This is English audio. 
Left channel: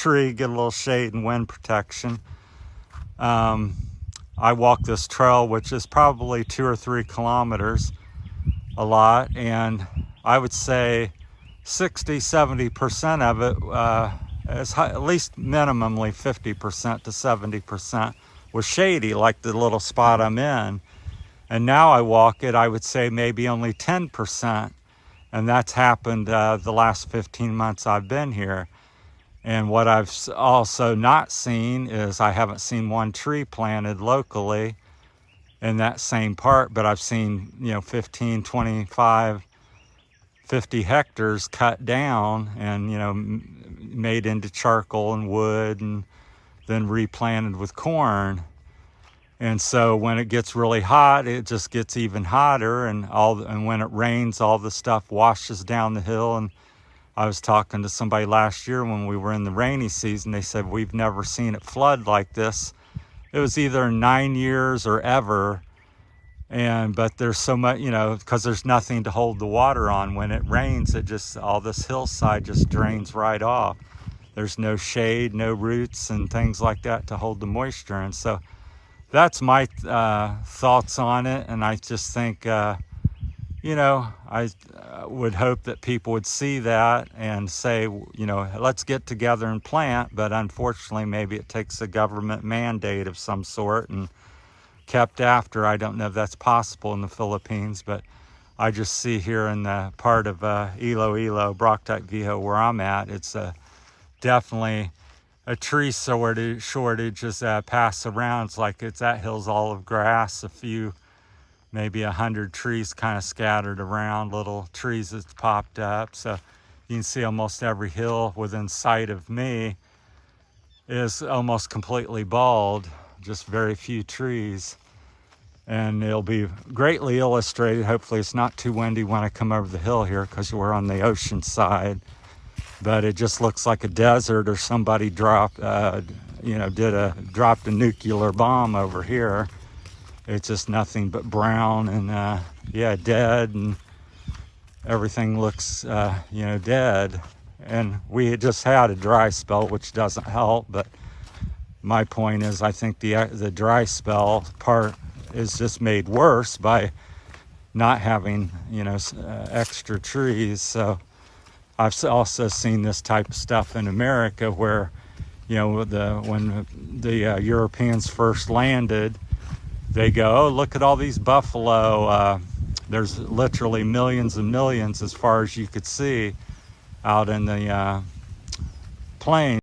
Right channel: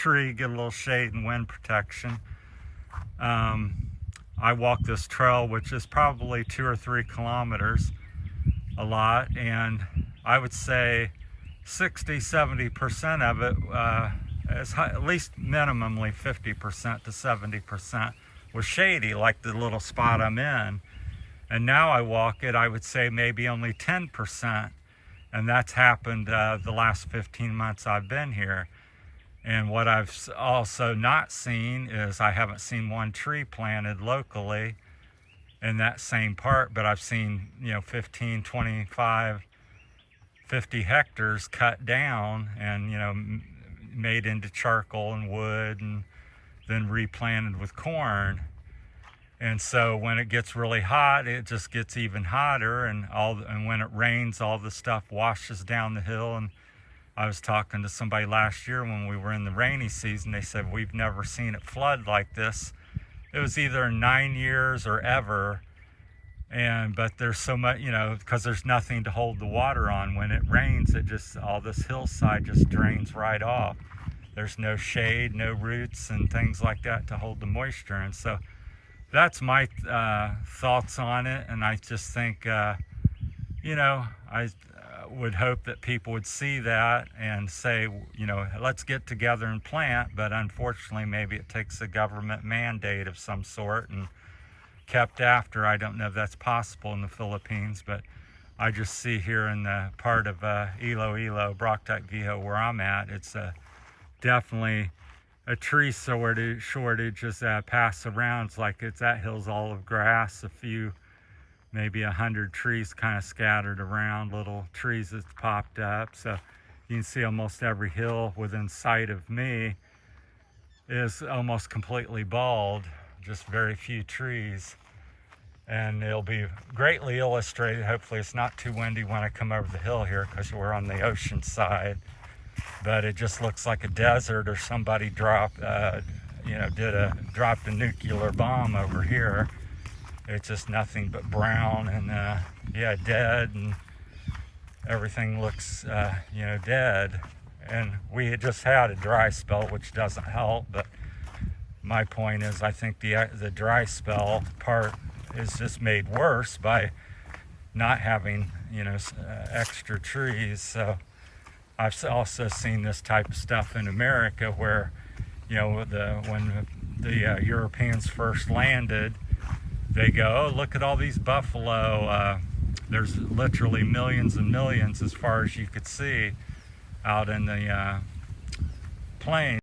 tree, get a little shade and wind protection. I walk this trail, which is probably 2 or 3 kilometers, a lot, and I would say 60–70% of it is at least minimally 50% to 70% was shady, like the little spot I'm in. And now I walk it, I would say maybe only 10%, and that's happened the last 15 months I've been here. And what I've also not seen is I haven't seen one tree planted locally in that same part, but I've seen, 15, 25, 50 hectares cut down and, made into charcoal and wood and then replanted with corn. And so when it gets really hot, it just gets even hotter, and when it rains, all the stuff washes down the hill. And I was talking to somebody last year when we were in the rainy season. They said, we've never seen it flood like this. It was either 9 years or ever. But there's so much, because there's nothing to hold the water on. When it rains, all this hillside just drains right off. There's no shade, no roots and things like that to hold the moisture. And so that's my thoughts on it. And I just think, I would hope that people would see that and say, let's get together and plant. But unfortunately, maybe it takes a government mandate of some sort and kept after. I don't know if that's possible in the Philippines, but I just see here in the part of Iloilo, Barotac, Viejo, where I'm at, it's definitely a tree shortage is passed around. It's like that hill's all of grass, a few, maybe 100 trees kind of scattered around, little trees that's popped up. So you can see almost every hill within sight of me is almost completely bald, just very few trees. And it'll be greatly illustrated. Hopefully it's not too windy when I come over the hill here, because we're on the ocean side. But it just looks like a desert, or somebody dropped a nuclear bomb over here. It's just nothing but brown and dead, and everything looks dead. And we had just had a dry spell, which doesn't help. But my point is, I think the dry spell part is just made worse by not having extra trees. So I've also seen this type of stuff in America, where when the Europeans first landed, they go, oh, look at all these buffalo. There's literally millions and millions, as far as you could see, out in the plains.